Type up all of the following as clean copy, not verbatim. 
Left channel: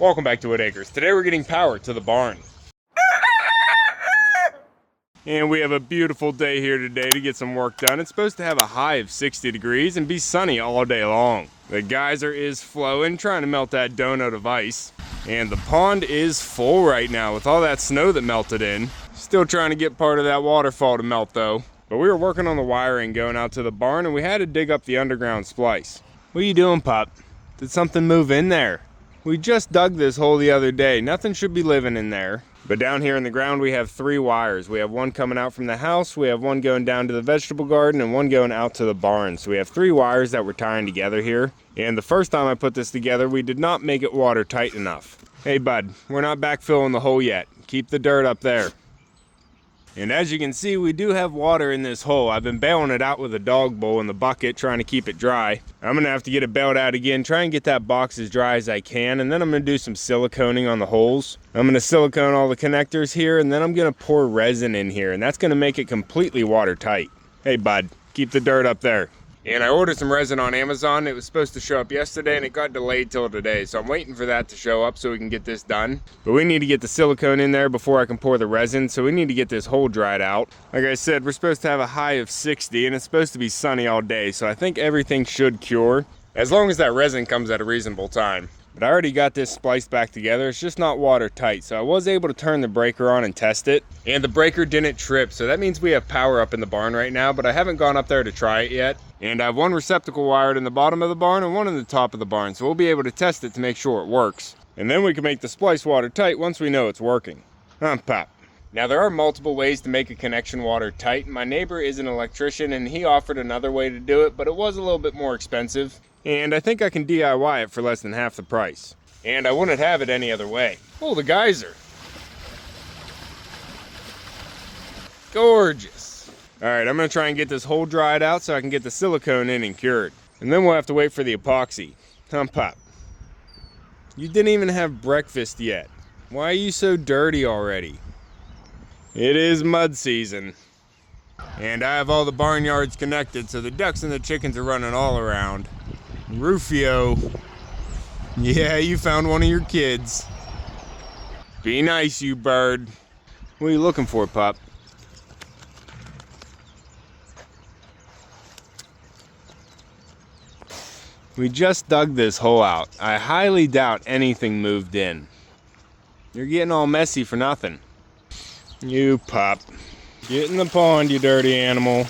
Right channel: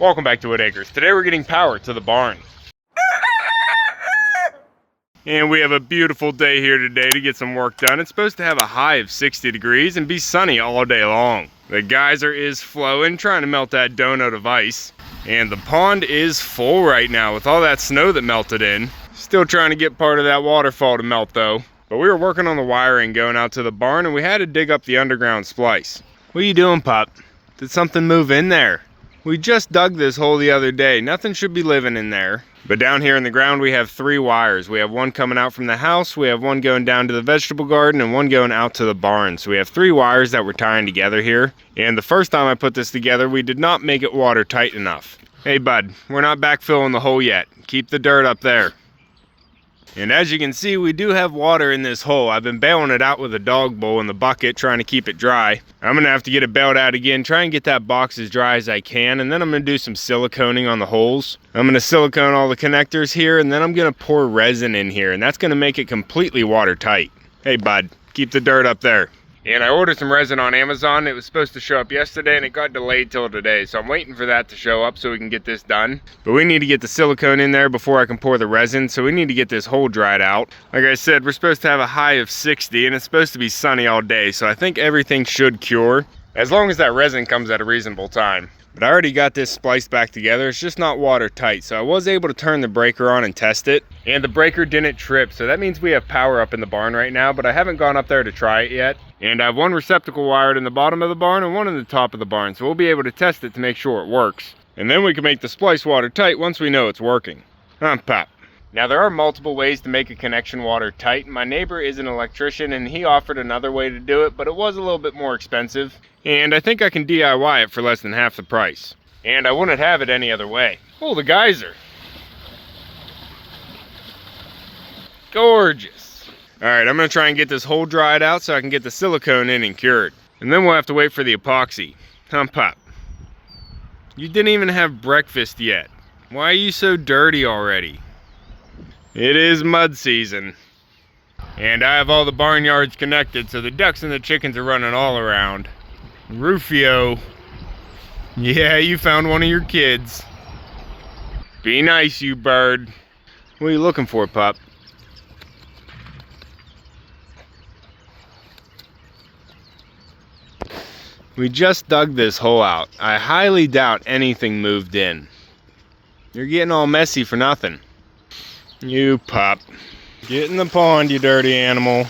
Welcome back to Whitt Acres. Today we're getting power to the barn. And we have a beautiful day here today to get some work done. It's supposed to have a high of 60 degrees and be sunny all day long. The geyser is flowing, trying to melt that donut of ice. And the pond is full right now with all that snow that melted in. Still trying to get part of that waterfall to melt though. But we were working on the wiring going out to the barn and we had to dig up the underground splice. What are you doing, Pop? Did something move in there? We just dug this hole the other day. Nothing should be living in there. But down here in the ground we have 3 wires. We have one coming out from the house, we have one going down to the vegetable garden, and one going out to the barn. So we have 3 wires that we're tying together here. And the first time I put this together, we did not make it watertight enough. Hey bud, we're not backfilling the hole yet. Keep the dirt up there. And as you can see, we do have water in this hole. I've been bailing it out with a dog bowl in the bucket, trying to keep it dry. I'm gonna have to get it bailed out again, try and get that box as dry as I can, and then I'm gonna do some siliconing on the holes. I'm gonna silicone all the connectors here, and then I'm gonna pour resin in here, and that's gonna make it completely watertight. Hey bud, keep the dirt up there. And I ordered some resin on Amazon. It was supposed to show up yesterday and it got delayed till today. So I'm waiting for that to show up so we can get this done. But we need to get the silicone in there before I can pour the resin. So we need to get this hole dried out. Like I said, we're supposed to have a high of 60 and it's supposed to be sunny all day. So I think everything should cure as long as that resin comes at a reasonable time. But I already got this spliced back together. It's just not watertight. So I was able to turn the breaker on and test it. And the breaker didn't trip. So that means we have power up in the barn right now, but I haven't gone up there to try it yet. And I have one receptacle wired in the bottom of the barn and one in the top of the barn. So we'll be able to test it to make sure it works. And then we can make the splice watertight once we know it's working. Pop. Now there are multiple ways to make a connection watertight. My neighbor is an electrician and he offered another way to do it, but it was a little bit more expensive. And I think I can DIY it for less than half the price. And I wouldn't have it any other way. Oh, the geyser. Gorgeous. All right, I'm gonna try and get this hole dried out so I can get the silicone in and cured. And then we'll have to wait for the epoxy. Pop. You didn't even have breakfast yet. Why are you so dirty already? It is mud season. And I have all the barnyards connected, so the ducks and the chickens are running all around. Rufio. Yeah, you found one of your kids. Be nice, you bird. What are you looking for, Pop? We just dug this hole out. I highly doubt anything moved in. You're getting all messy for nothing. You Pop. Get in the pond, you dirty animal.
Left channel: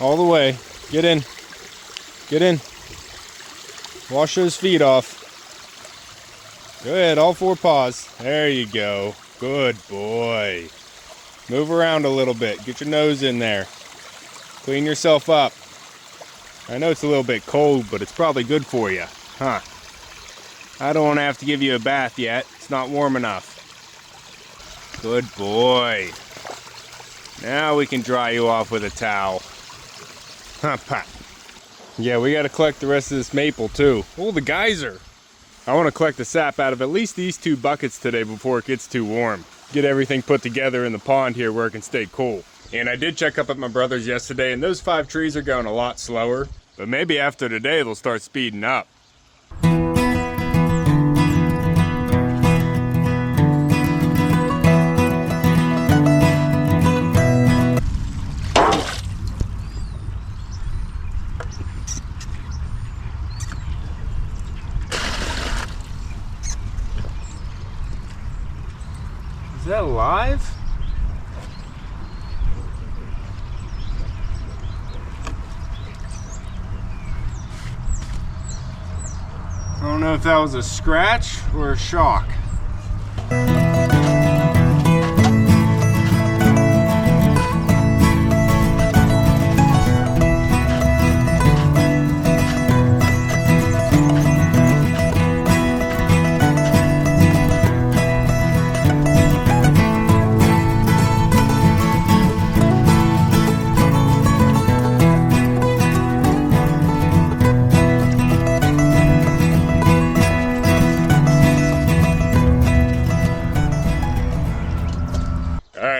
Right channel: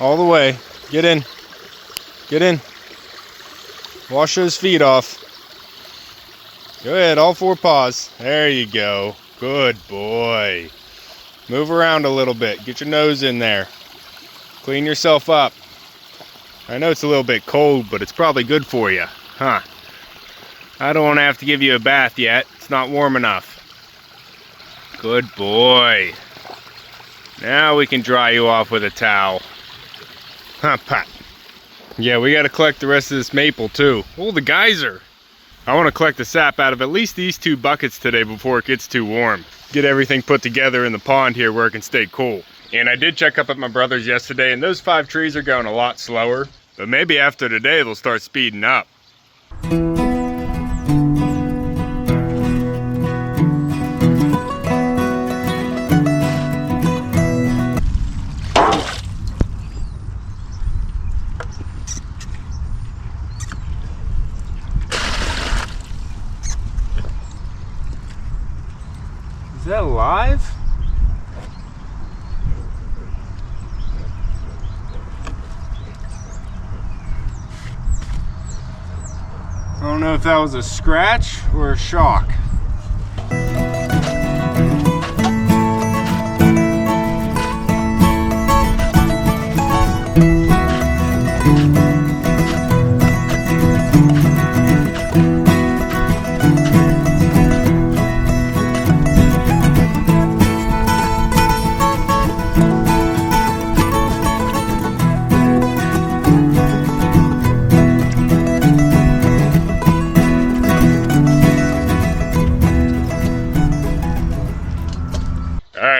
All the way. Get in. Get in. Wash those feet off. Go ahead, all 4 paws. There you go. Good boy. Move around a little bit. Get your nose in there. Clean yourself up. I know it's a little bit cold, but it's probably good for you. I don't want to have to give you a bath yet. It's not warm enough. Good boy. Now we can dry you off with a towel. Pop. Yeah, we got to collect the rest of this maple too. Oh, the geyser. I want to collect the sap out of at least these 2 buckets today before it gets too warm. Get everything put together in the pond here where it can stay cool. And I did check up at my brother's yesterday and those 5 trees are going a lot slower. But maybe after today they'll start speeding up. Is that live? I don't know if that was a scratch or a shock.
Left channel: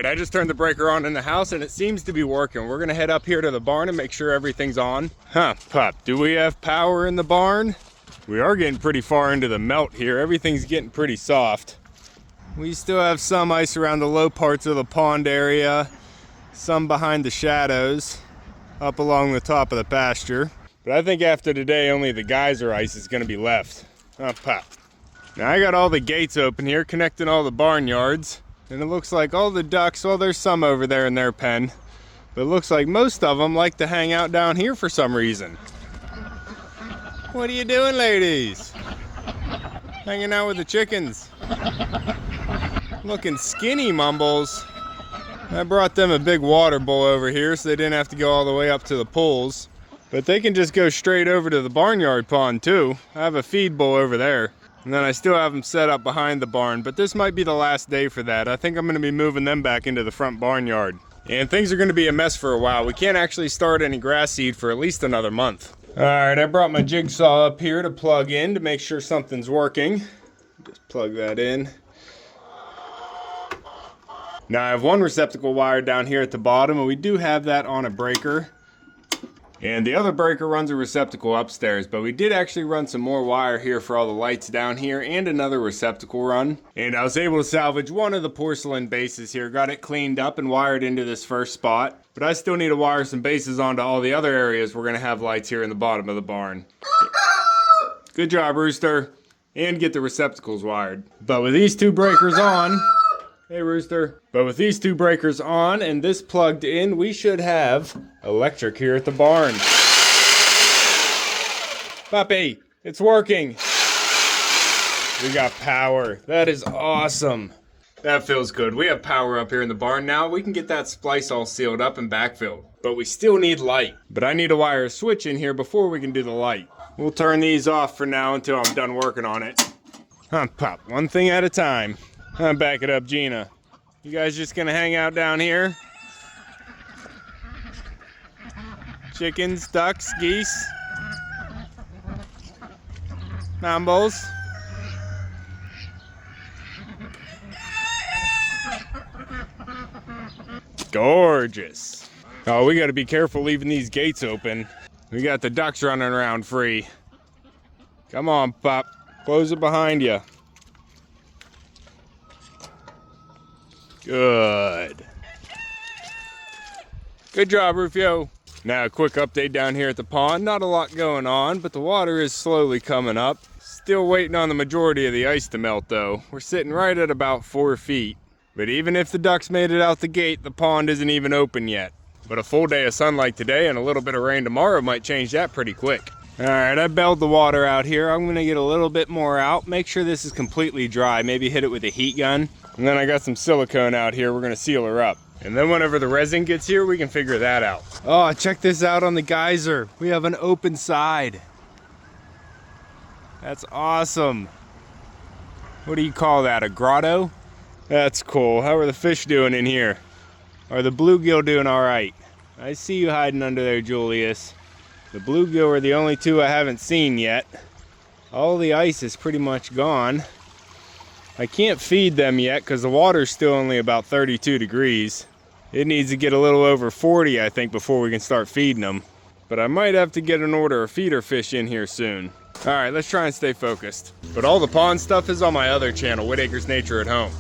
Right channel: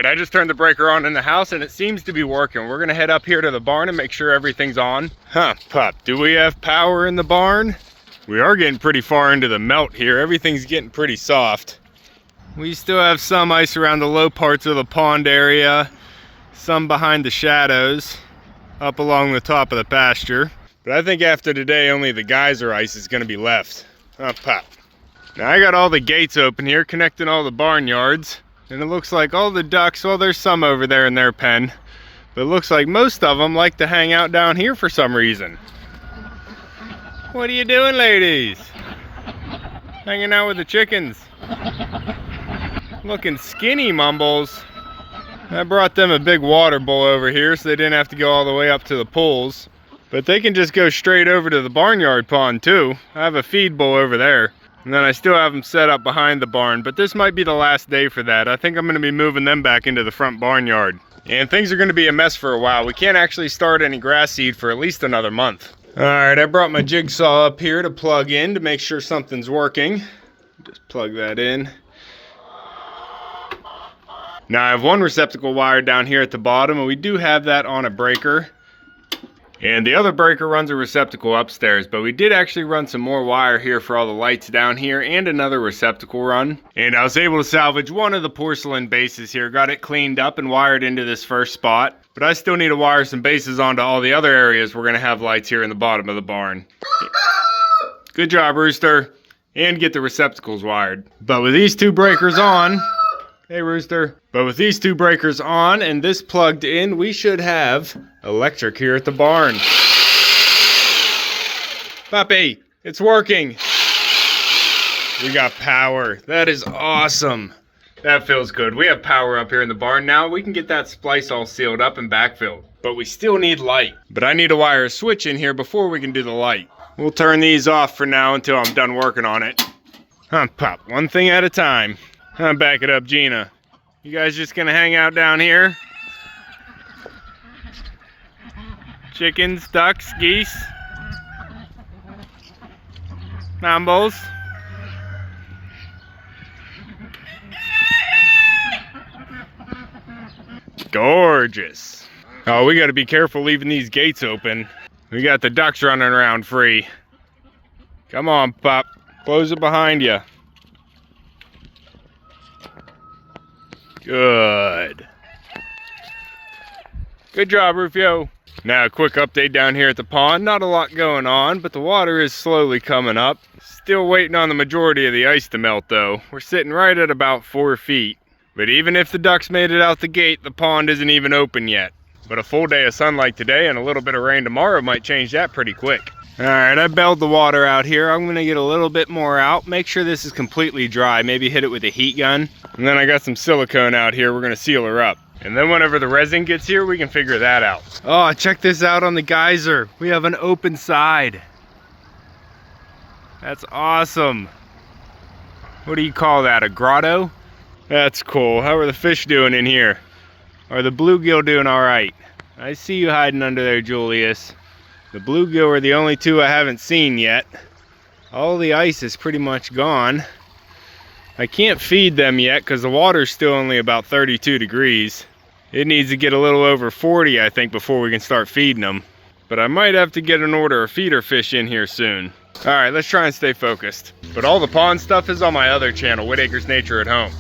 I just turned the breaker on in the house and it seems to be working. We're gonna head up here to the barn and make sure everything's on. Pop, do we have power in the barn? We are getting pretty far into the melt here. Everything's getting pretty soft. We still have some ice around the low parts of the pond area, some behind the shadows, up along the top of the pasture. But I think after today, only the geyser ice is gonna be left. Pop. Now I got all the gates open here, connecting all the barnyards. And it looks like all the ducks, well, there's some over there in their pen, but it looks like most of them like to hang out down here for some reason. What are you doing, ladies? Hanging out with the chickens. Looking skinny, Mumbles. I brought them a big water bowl over here so they didn't have to go all the way up to the pools. But they can just go straight over to the barnyard pond too. I have a feed bowl over there. And then I still have them set up behind the barn, but this might be the last day for that. I think I'm gonna be moving them back into the front barnyard. And things are gonna be a mess for a while. We can't actually start any grass seed for at least another month. All right, I brought my jigsaw up here to plug in to make sure something's working. Just plug that in. Now I have one receptacle wired down here at the bottom, and we do have that on a breaker. And the other breaker runs a receptacle upstairs, but we did actually run some more wire here for all the lights down here and another receptacle run. And I was able to salvage one of the porcelain bases here, got it cleaned up and wired into this first spot. But I still need to wire some bases onto all the other areas we're gonna have lights here in the bottom of the barn. Good job, Rooster. And get the receptacles wired. But with these two breakers on, hey, Rooster. But with these two breakers on and this plugged in, we should have electric here at the barn. Puppy, it's working. We got power. That is awesome. That feels good. We have power up here in the barn now. We can get that splice all sealed up and backfilled. But we still need light. But I need to wire a switch in here before we can do the light. We'll turn these off for now until I'm done working on it. Pop, one thing at a time. Back it up, Gina. You guys just gonna hang out down here? Chickens, ducks, geese, mumbles. Gorgeous. Oh, we gotta be careful leaving these gates open. We got the ducks running around free. Come on, Pop. Close it behind you. Good. Good job, Rufio. Now, a quick update down here at the pond. Not a lot going on, but the water is slowly coming up. Still waiting on the majority of the ice to melt, though. We're sitting right at about 4 feet. But even if the ducks made it out the gate, the pond isn't even open yet. But a full day of sunlight today and a little bit of rain tomorrow might change that pretty quick. All right, I bailed the water out here. I'm gonna get a little bit more out. Make sure this is completely dry. Maybe hit it with a heat gun. And then I got some silicone out here. We're gonna seal her up. And then whenever the resin gets here, we can figure that out. Oh, check this out on the geyser. We have an open side. That's awesome. What do you call that, a grotto? That's cool. How are the fish doing in here? Are the bluegill doing all right? I see you hiding under there, Julius. The bluegill are the only two I haven't seen yet. All the ice is pretty much gone. I can't feed them yet because the water's still only about 32 degrees. It needs to get a little over 40, I think, before we can start feeding them. But I might have to get an order of feeder fish in here soon. All right, let's try and stay focused. But all the pond stuff is on my other channel, Whittaker's Nature at Home.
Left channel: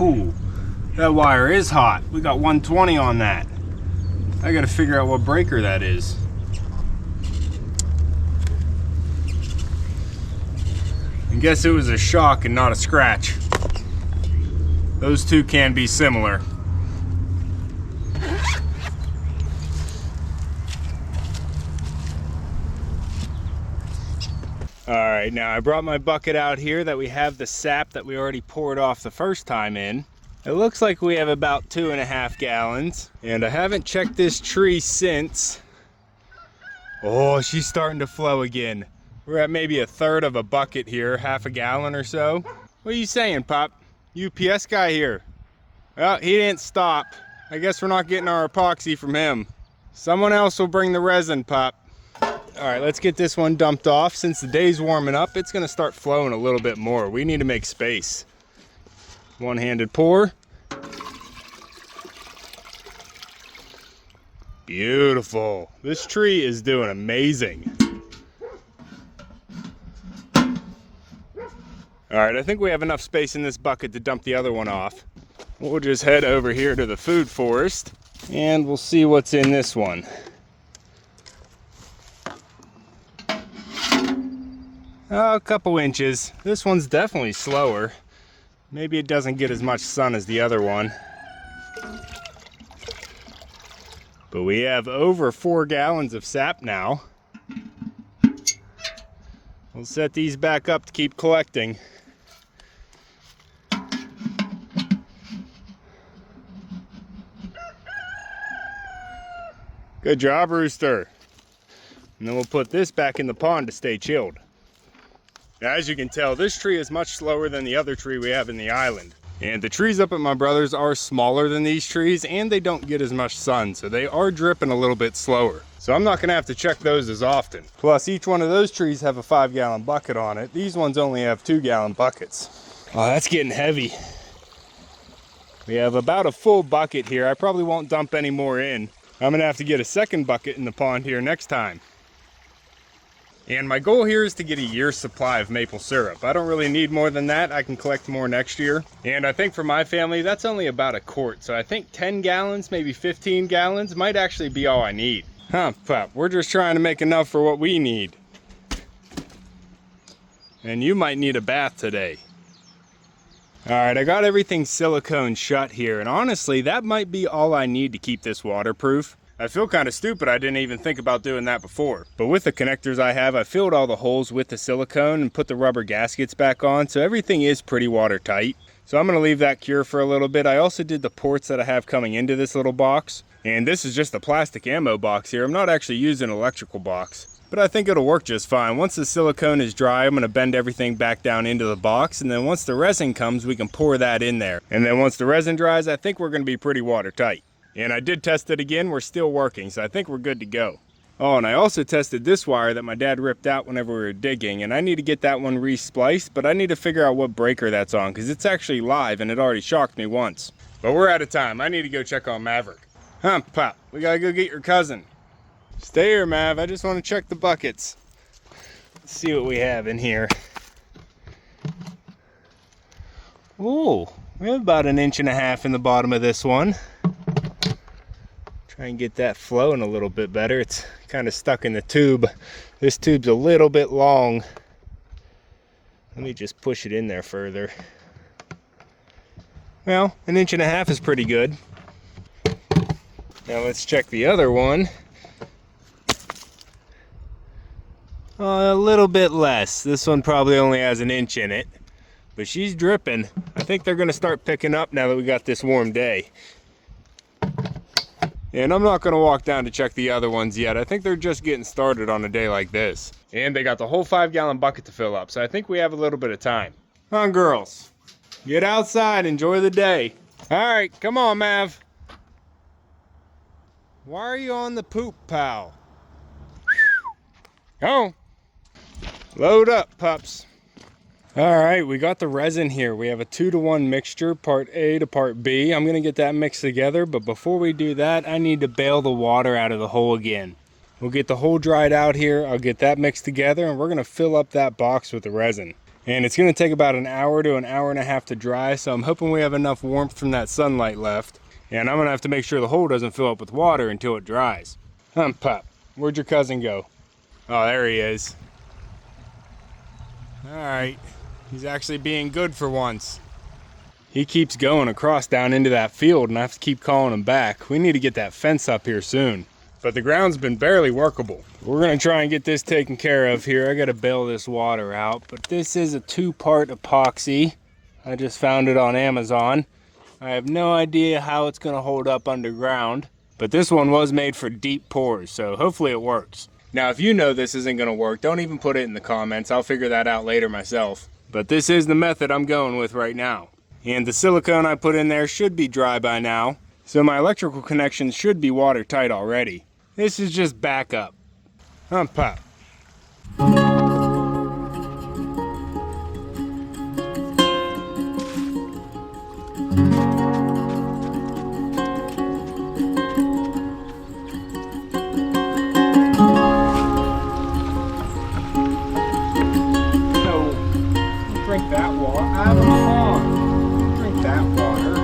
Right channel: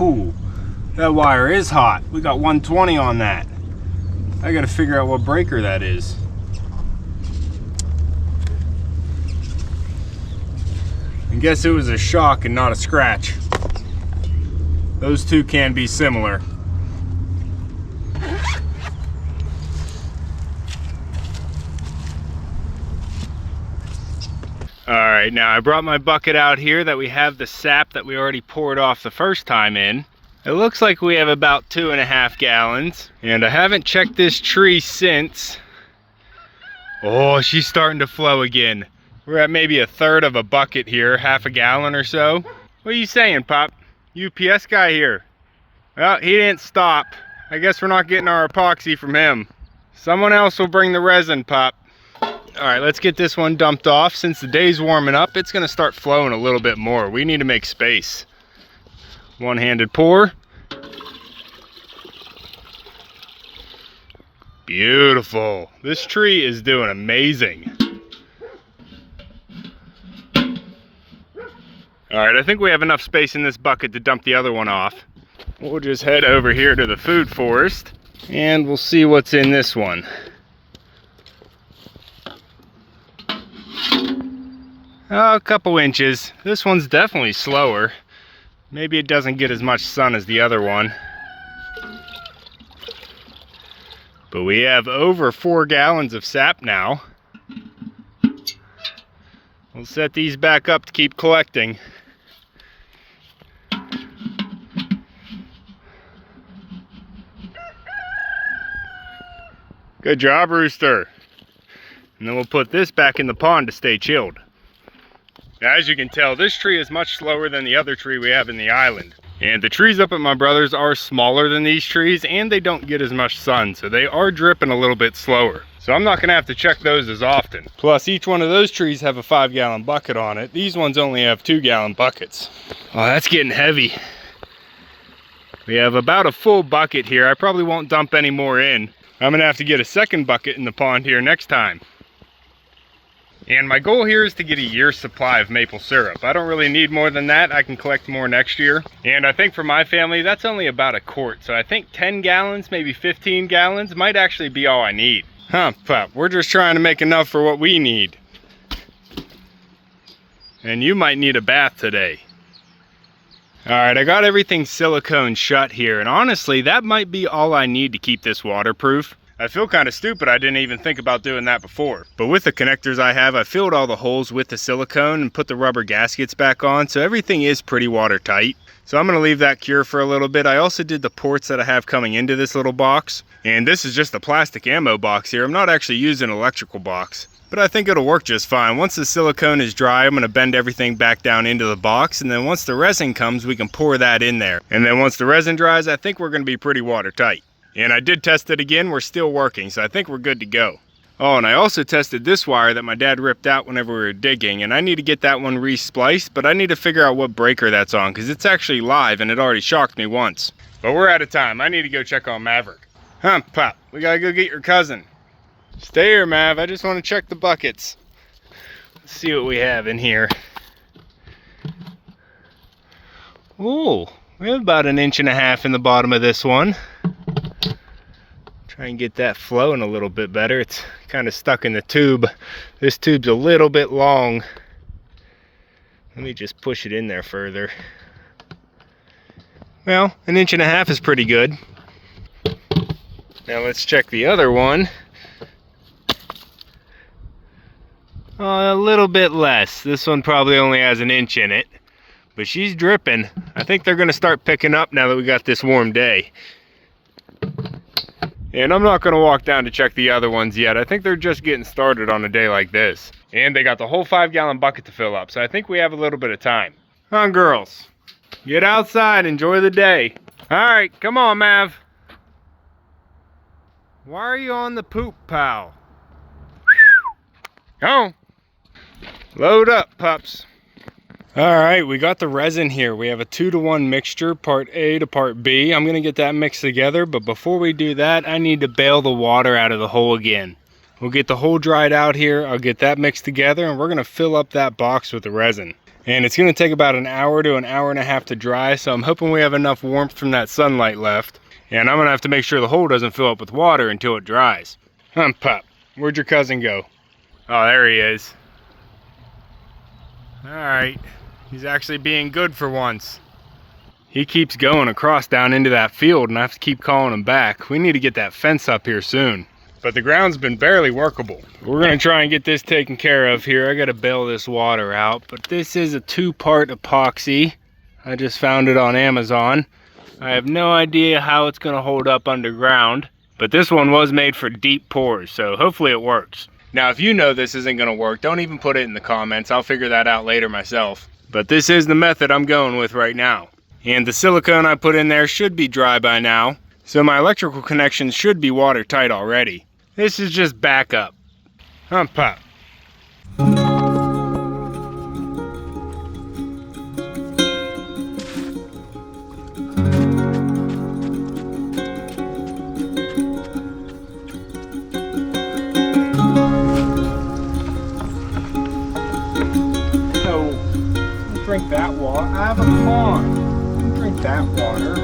Ooh, that wire is hot. We got 120 on that. I gotta figure out what breaker that is. I guess it was a shock and not a scratch. Those two can be similar. All right, now I brought my bucket out here that we have the sap that we already poured off the first time in. It looks like we have about 2.5 gallons, and I haven't checked this tree since. Oh, she's starting to flow again. We're at maybe 1/3 of a bucket here, 1/2 gallon or so. What are you saying, Pop? UPS guy here. Well, he didn't stop. I guess we're not getting our epoxy from him. Someone else will bring the resin, Pop. All right, let's get this one dumped off. Since the day's warming up, it's gonna start flowing a little bit more. We need to make space. One-handed pour. Beautiful. This tree is doing amazing. All right, I think we have enough space in this bucket to dump the other one off. We'll just head over here to the food forest and we'll see what's in this one. Oh, a couple inches. This one's definitely slower. Maybe it doesn't get as much sun as the other one. But we have over 4 gallons of sap now. We'll set these back up to keep collecting. Good job, Rooster. And then we'll put this back in the pond to stay chilled. As you can tell, this tree is much slower than the other tree we have in the island. And the trees up at my brother's are smaller than these trees and they don't get as much sun, so they are dripping a little bit slower. So I'm not gonna have to check those as often. Plus each one of those trees have a 5-gallon bucket on it. These ones only have 2-gallon buckets. Oh, that's getting heavy. We have about a full bucket here. I probably won't dump any more in. I'm gonna have to get a second bucket in the pond here next time. And my goal here is to get a year's supply of maple syrup. I don't really need more than that. I can collect more next year. And I think for my family, that's only about a quart. So I think 10 gallons, maybe 15 gallons might actually be all I need. Huh, Pop, we're just trying to make enough for what we need. And you might need a bath today. All right, I got everything silicone shut here. And honestly, that might be all I need to keep this waterproof. I feel kind of stupid I didn't even think about doing that before. But with the connectors I have, I filled all the holes with the silicone and put the rubber gaskets back on, so everything is pretty watertight. So I'm gonna leave that cure for a little bit. I also did the ports that I have coming into this little box. And this is just a plastic ammo box here. I'm not actually using an electrical box, but I think it'll work just fine. Once the silicone is dry, I'm gonna bend everything back down into the box, and then once the resin comes, we can pour that in there. And then once the resin dries, I think we're gonna be pretty watertight. And I did test it again, we're still working, so I think we're good to go. Oh, and I also tested this wire that my dad ripped out whenever we were digging, and I need to get that one re-spliced, but I need to figure out what breaker that's on, because it's actually live, and it already shocked me once. But we're out of time. I need to go check on Maverick. Huh, Pop, we gotta go get your cousin. Stay here, Mav, I just want to check the buckets. Let's see what we have in here. Ooh, we have about 1.5 inches in the bottom of this one. Try and get that flowing a little bit better. It's kind of stuck in the tube. This tube's a little bit long. Let me just push it in there further. Well, 1.5 inches is pretty good. Now let's check the other one. A little bit less. This one probably only has 1 inch in it, but she's dripping. I think they're gonna start picking up now that we got this warm day. And I'm not gonna walk down to check the other ones yet. I think they're just getting started on a day like this. And they got the whole 5-gallon bucket to fill up, so I think we have a little bit of time. Come on, girls. Get outside, enjoy the day. All right, come on, Mav. Why are you on the poop, pal? Come on. Load up, pups. All right, we got the resin here. We have a 2-to-1 mixture, part A to part B. I'm gonna get that mixed together, but before we do that, I need to bail the water out of the hole again. We'll get the hole dried out here. I'll get that mixed together, and we're gonna fill up that box with the resin. And it's gonna take about an hour to an hour and a half to dry, so I'm hoping we have enough warmth from that sunlight left. And I'm gonna have to make sure the hole doesn't fill up with water until it dries. Pup, where'd your cousin go? Oh, there he is. All right, he's actually being good for once. He keeps going across down into that field and I have to keep calling him back. We need to get that fence up here soon. But the ground's been barely workable. We're gonna try and get this taken care of here. I gotta bail this water out, but this is a 2-part epoxy. I just found it on Amazon. I have no idea how it's gonna hold up underground, but this one was made for deep pours, so hopefully it works. Now, if you know this isn't gonna work, don't even put it in the comments. I'll figure that out later myself. But this is the method I'm going with right now. And the silicone I put in there should be dry by now, so my electrical connections should be watertight already. This is just backup. Pop. So, don't drink that water. I have a pond. Don't drink that water.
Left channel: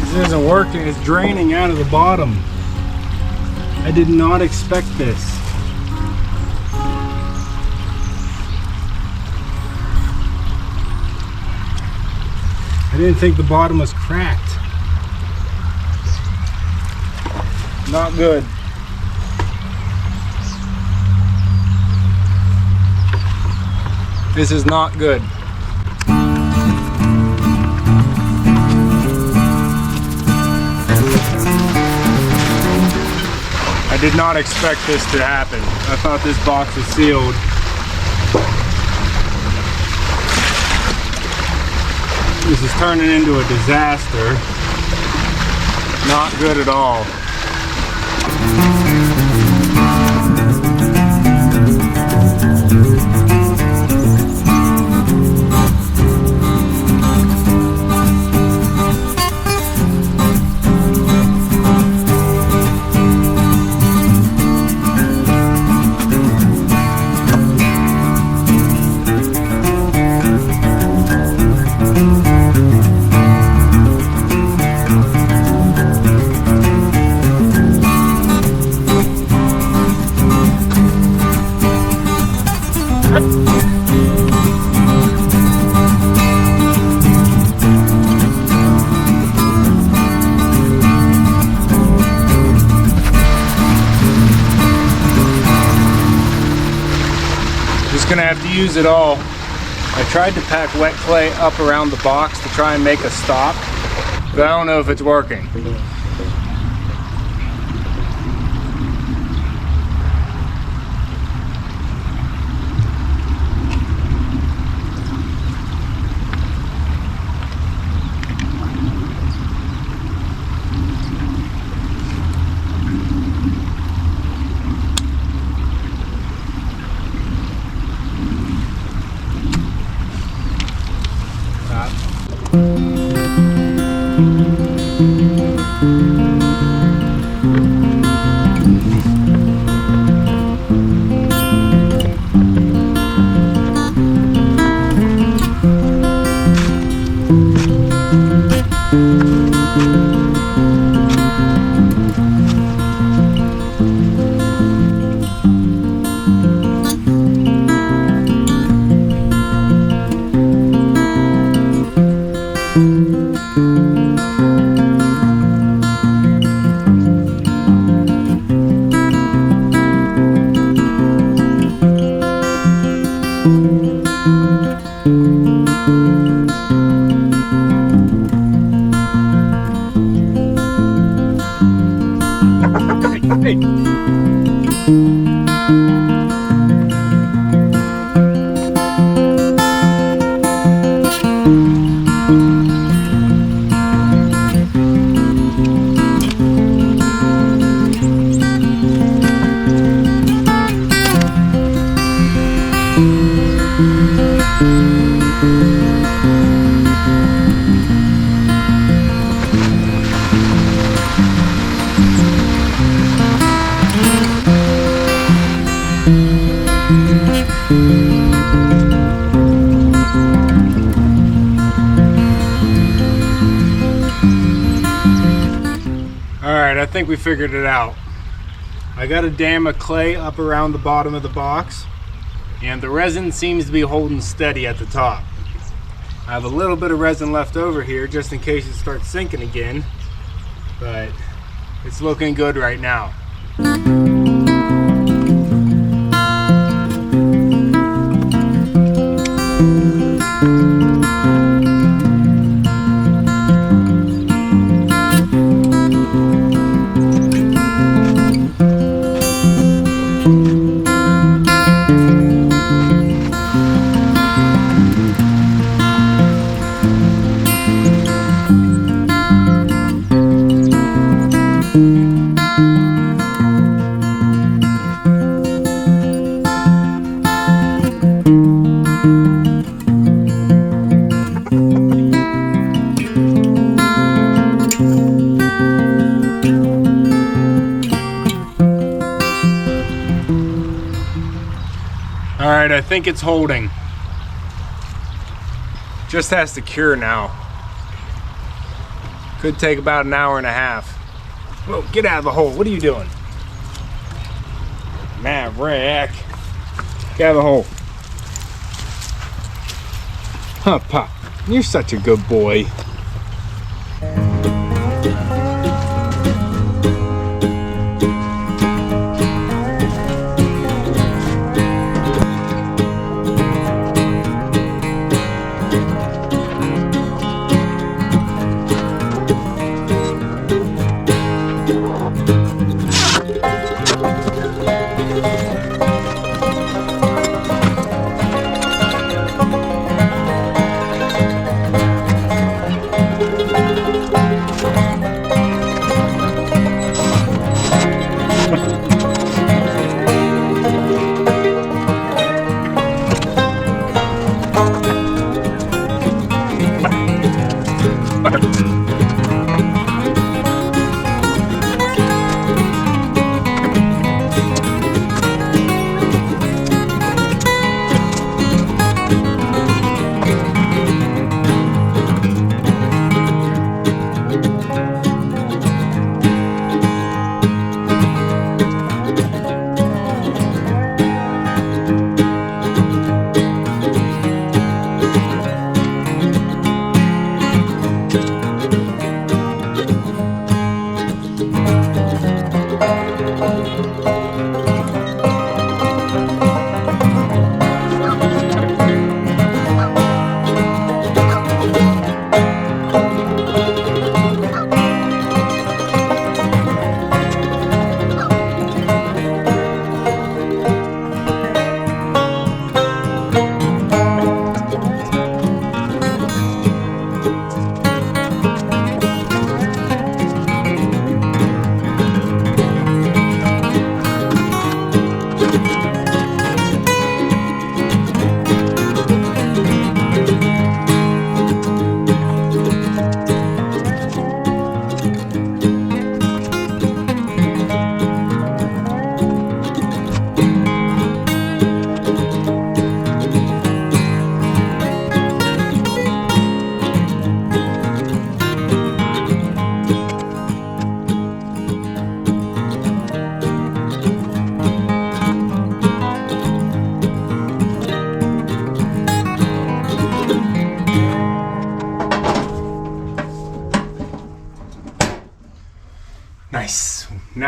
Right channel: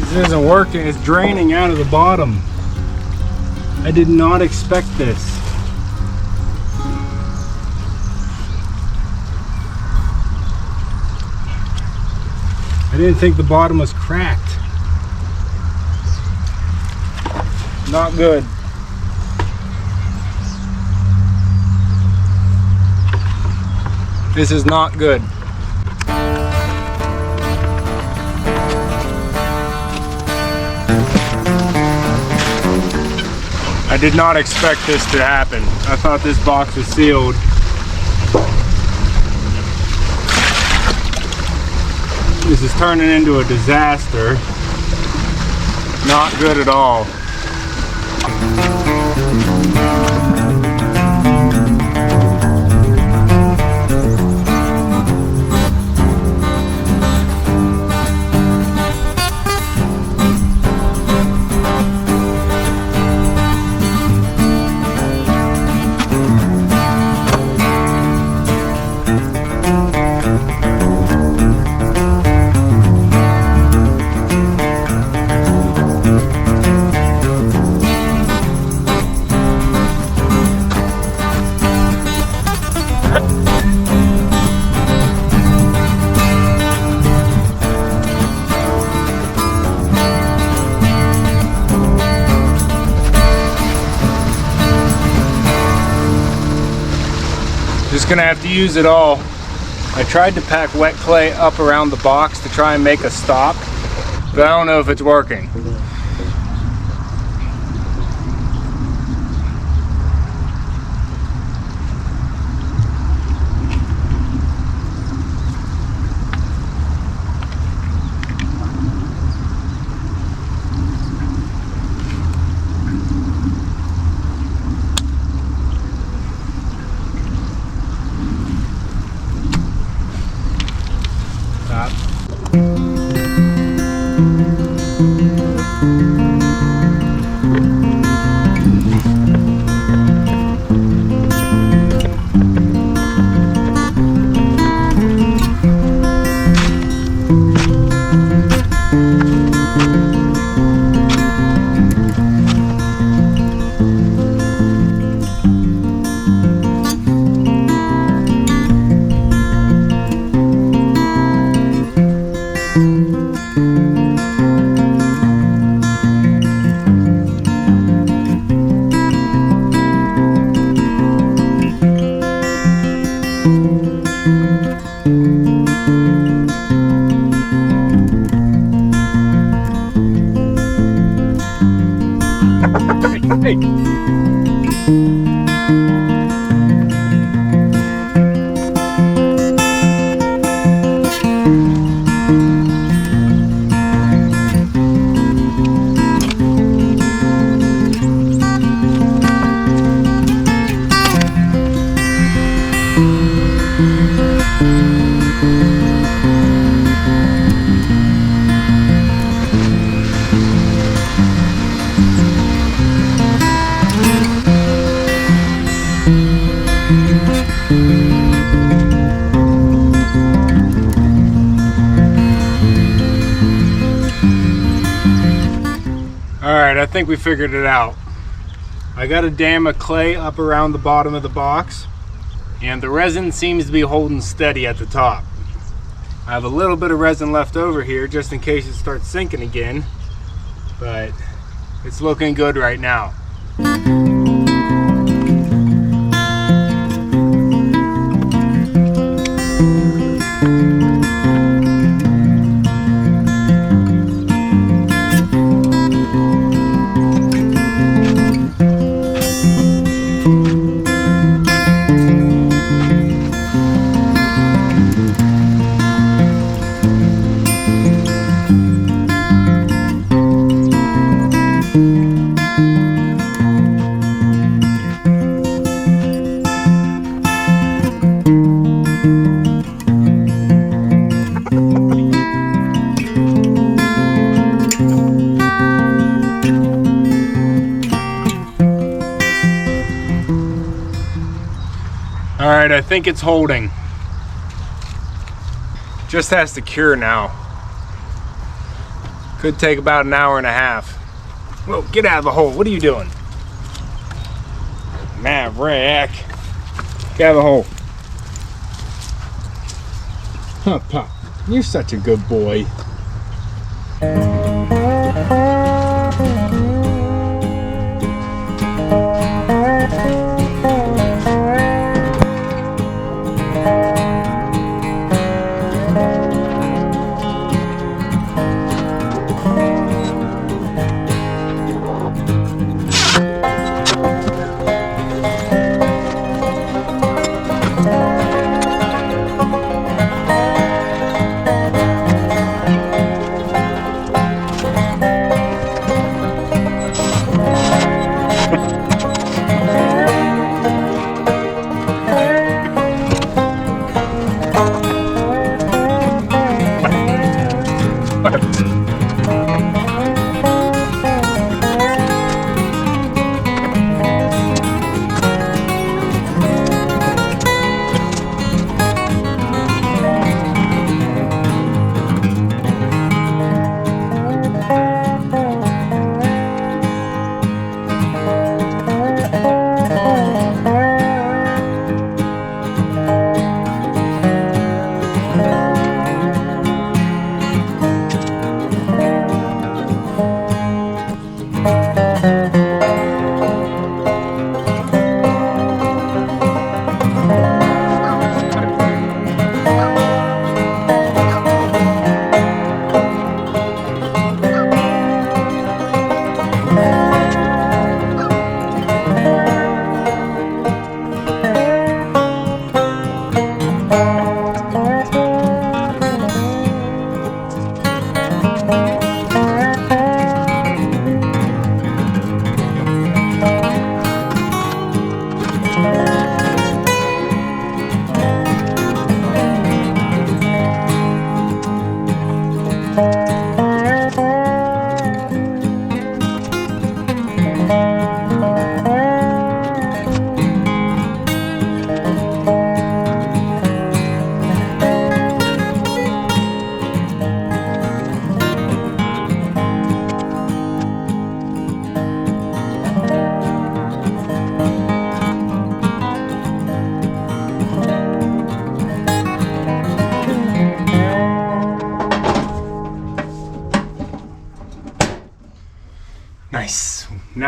This isn't working, it's draining out of the bottom. I did not expect this. I didn't think the bottom was cracked. Not good. This is not good. I did not expect this to happen. I thought this box was sealed. This is turning into a disaster. Not good at all. Just gonna have to use it all. I tried to pack wet clay up around the box to try and make a stop, but I don't know if it's working. Hey. Alright, I think we figured it out. I got a dam of clay up around the bottom of the box, and the resin seems to be holding steady at the top. I have a little bit of resin left over here just in case it starts sinking again, but it's looking good right now. Alright, I think it's holding. Just has to cure now. Could take about an hour and a half. Whoa, get out of the hole. What are you doing? Maverick. Get out of the hole. Huh, Pop. You're such a good boy.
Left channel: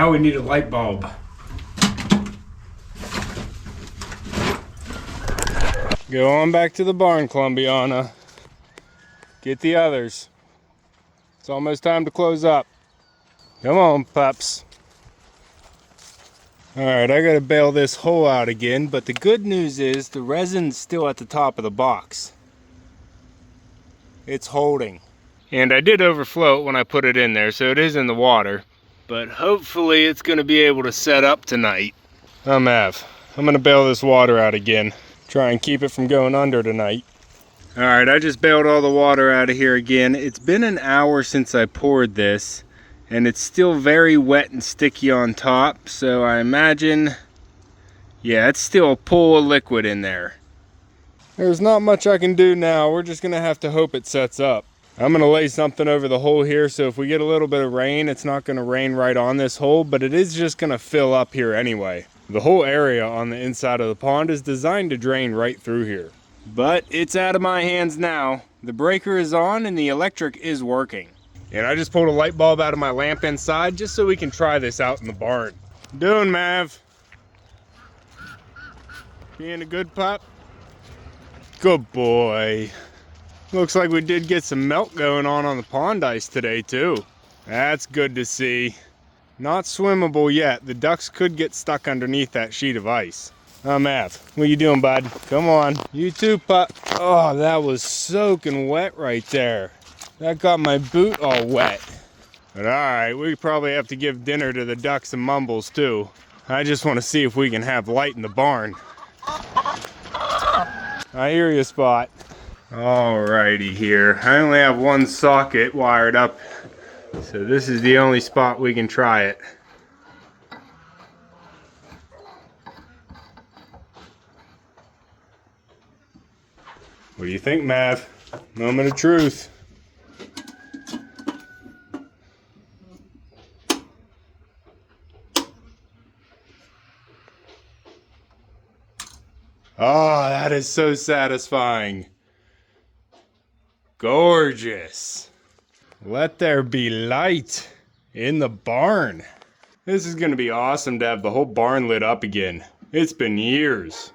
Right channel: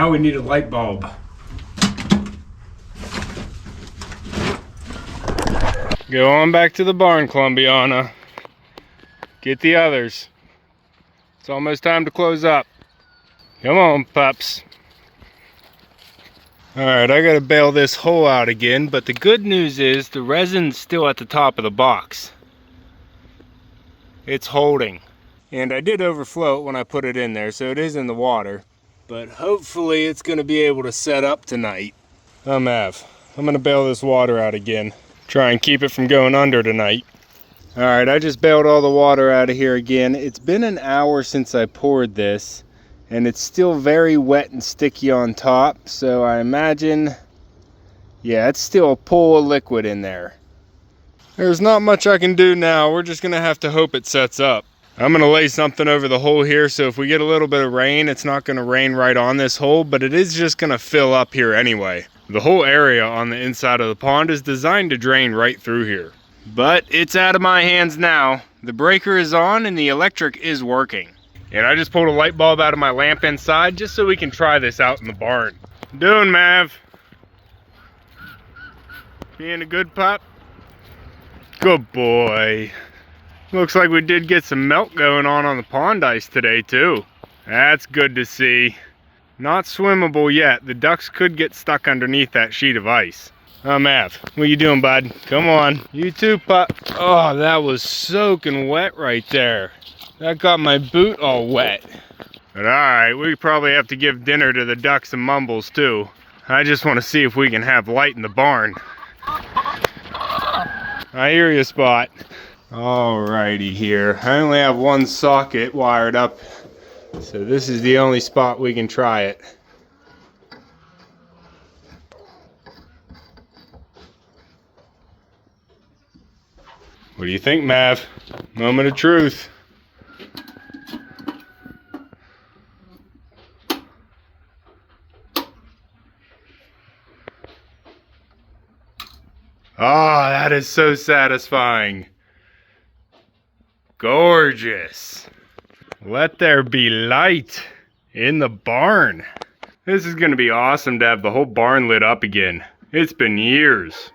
now we need a light bulb. Go on back to the barn, Columbiana. Get the others. It's almost time to close up. Come on, pups. Alright, I gotta bail this hole out again, but the good news is the resin's still at the top of the box. It's holding. And I did overflow it when I put it in there, so it is in the water. But hopefully it's gonna be able to set up tonight. I'm gonna bail this water out again. Try and keep it from going under tonight. Alright, I just bailed all the water out of here again. It's been an hour since I poured this, and it's still very wet and sticky on top, so I imagine, yeah, it's still a pool of liquid in there. There's not much I can do now. We're just gonna have to hope it sets up. I'm gonna lay something over the hole here, so if we get a little bit of rain, it's not gonna rain right on this hole, but it is just gonna fill up here anyway. The whole area on the inside of the pond is designed to drain right through here. But it's out of my hands now. The breaker is on and the electric is working. And I just pulled a light bulb out of my lamp inside just so we can try this out in the barn. Doing, Mav? Being a good pup? Good boy. Looks like we did get some melt going on the pond ice today too. That's good to see. Not swimmable yet. The ducks could get stuck underneath that sheet of ice. Mav, what you doing, bud? Come on. You too, pup. Oh, that was soaking wet right there. That got my boot all wet. But alright, we probably have to give dinner to the ducks and mumbles too. I just want to see if we can have light in the barn. I hear you, Spot. Alrighty here. I only have one socket wired up, so this is the only spot we can try it. What do you think, Mav? Moment of truth. Oh, that is so satisfying. Gorgeous. Let there be light in the barn. This is gonna be awesome to have the whole barn lit up again. It's been years.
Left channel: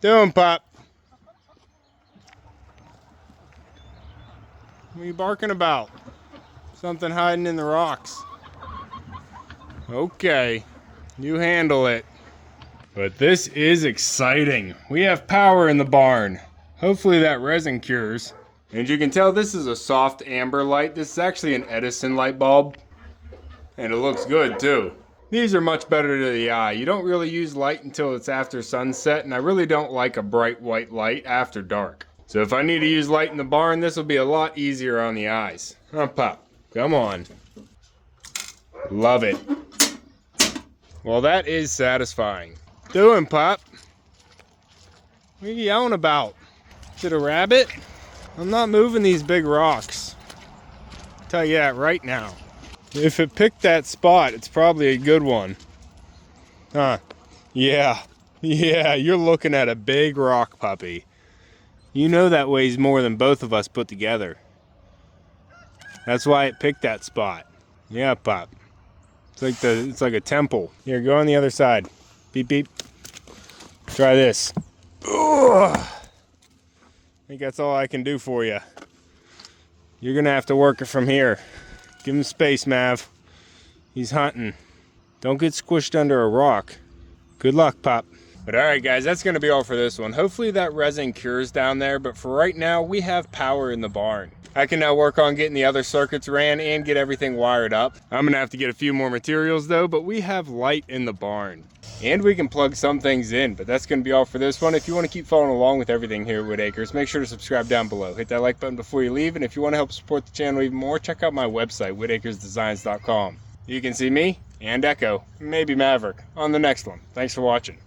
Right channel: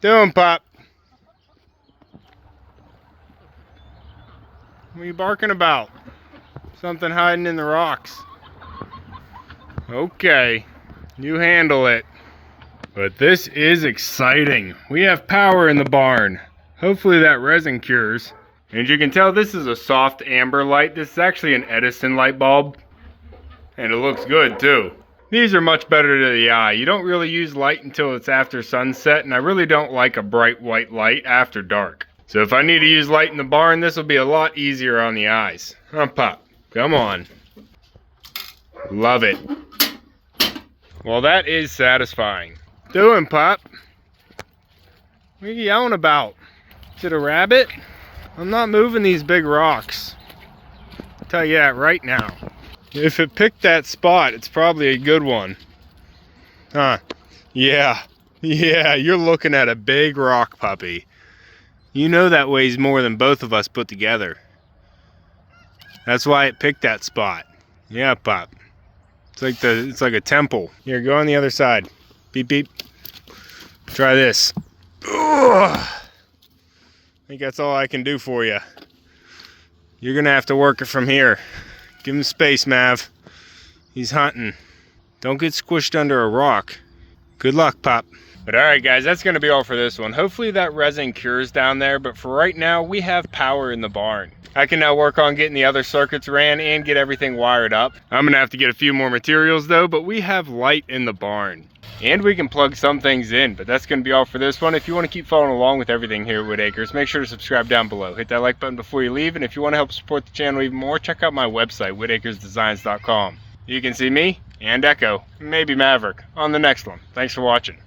Doing, Pop? What are you barking about? Something hiding in the rocks. Okay, you handle it. But this is exciting. We have power in the barn. Hopefully that resin cures. And you can tell this is a soft amber light. This is actually an Edison light bulb. And it looks good too. These are much better to the eye. You don't really use light until it's after sunset, and I really don't like a bright white light after dark. So if I need to use light in the barn, this will be a lot easier on the eyes. Huh, Pop? Come on. Love it. Well, that is satisfying. Doing, Pop? What are you yelling about? Is it a rabbit? I'm not moving these big rocks. I'll tell you that right now. If it picked that spot, it's probably a good one. Huh? Yeah. Yeah, you're looking at a big rock, puppy. You know that weighs more than both of us put together. That's why it picked that spot. Yeah, Pop. It's like a temple. Here, go on the other side. Beep, beep. Try this. Ugh. I think that's all I can do for you. You're gonna have to work it from here. Give him space, Mav. He's hunting. Don't get squished under a rock. Good luck, Pop. But alright guys, that's going to be all for this one. Hopefully that resin cures down there, but for right now, we have power in the barn. I can now work on getting the other circuits ran and get everything wired up. I'm going to have to get a few more materials though, but we have light in the barn. And we can plug some things in, but that's going to be all for this one. If you want to keep following along with everything here at Whitt Acres, make sure to subscribe down below. Hit that like button before you leave, and if you want to help support the channel even more, check out my website, whittacresdesigns.com. You can see me and Echo, maybe Maverick, on the next one. Thanks for watching.